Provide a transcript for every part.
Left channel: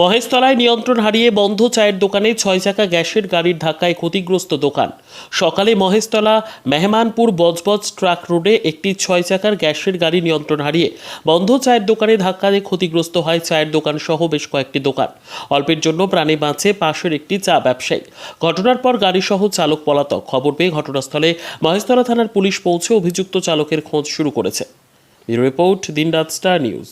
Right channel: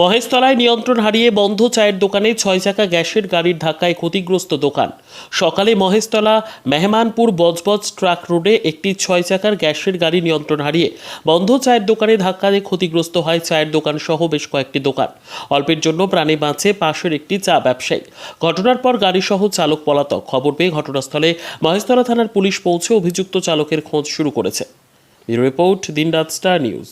মহেশতলায় নিয়ন্ত্রণ হারিয়ে বন্ধ চায়ের দোকানে ৬ চাকা গ্যাসের গাড়ির ধাক্কায় ক্ষতিগ্রস্ত দোকান। সকালে মহেশতলা মেহমানপুর বজবজ ট্রাক রোডে একটি ৬ চাকার গ্যাসের গাড়ি নিয়ন্ত্রণ হারিয়ে বন্ধ চায়ের দোকানে ধাক্কা দিয়ে ক্ষতিগ্রস্ত হয় চায়ের দোকান সহ বেশ কয়েকটি দোকান। অল্পের জন্য প্রাণে বাঁচে পাশের একটি চা ব্যবসায়ী। ঘটনার পর গাড়িসহ চালক পলাতক। খবর পেয়ে ঘটনাস্থলে মহেশতলা থানার পুলিশ পৌঁছে অভিযুক্ত চালকের খোঁজ শুরু করেছে। ব্যুরো রিপোর্ট, দিনরাত স্টার নিউজ।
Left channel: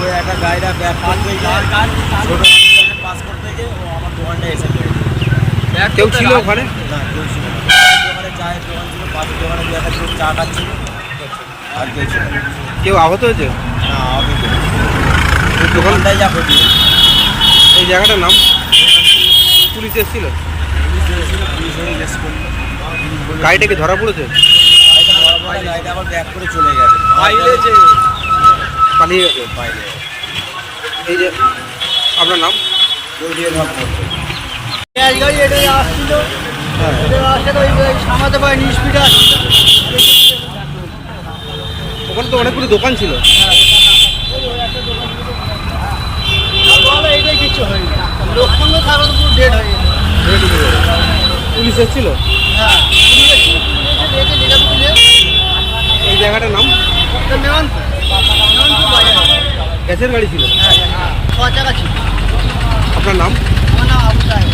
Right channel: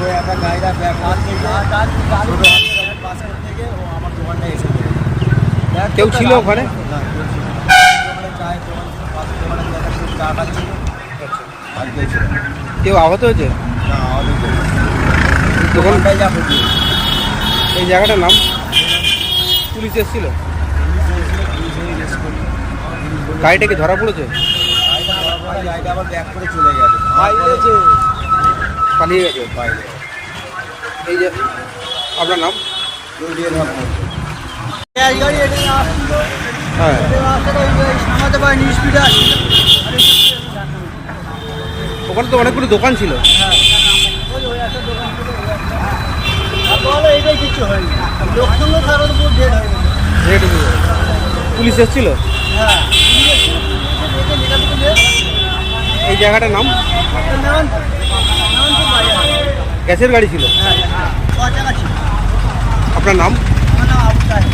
ওই একটা গাড়িটা ব্যাক করতে গিয়ে ছোটো বাচ্চাকে পাস করতে গিয়ে ও আমার দোকানটা এসে পেরেছে। কেউ ছিল ওখানে? না, কেউ ছিল না। দোকানে চায়ের দোকান ছিল, পাশের দোকানে দু একটা লোক চা খাচ্ছিল, আর কেউ ছিল না। কেউ আহত হয়েছে? না, আমি কেউ দোকানটাই দোকানটাই যা ক্ষতি হয়েছে। এই জায়গাটার নাম? পুলিশ এসেছিল? পুলিশ এসেছিল, পুলিশ এসে জিজ্ঞেস করলো। গাড়িটা কি ধরা পড়েছে? গাড়িটা ধরা পড়ে গাড়িটা আবার ব্যাক করে চলে গেছে, পালিয়ে গেছে বাইরে। এই যে আপনার নাম? জলদির ভাব করতো। গ্যাস গাড়ি এটাই আসছিল, হ্যাঁ, এটাই আসছে তো ওই সামাতে পারিনি, স্পিডে আসছিল। আর এই যে ওখানে তো অনেকগুলো দোকান ছিল। হ্যাঁ, ওই একটা দোকান ছিল, ওই একটা। আর বলো এইটাই কিছু হয়নি, আর লোক সঙ্গে থাকা তো পুরো ডেড হয়ে গেছে। রেড হয়ে গেছে। পুলিশ এসেছিল? হ্যাঁ, পুলিশ এসেছিল, পুলিশ এসে দেখে লেখাপি তুলে এই জায়গাটার নাম? মেমানপুর বাজারে। গ্যাসের গাড়ি ছিল? হ্যাঁ, 6 চাকা ছিল। আপনার নাম? আমার নাম আবু সাহেব।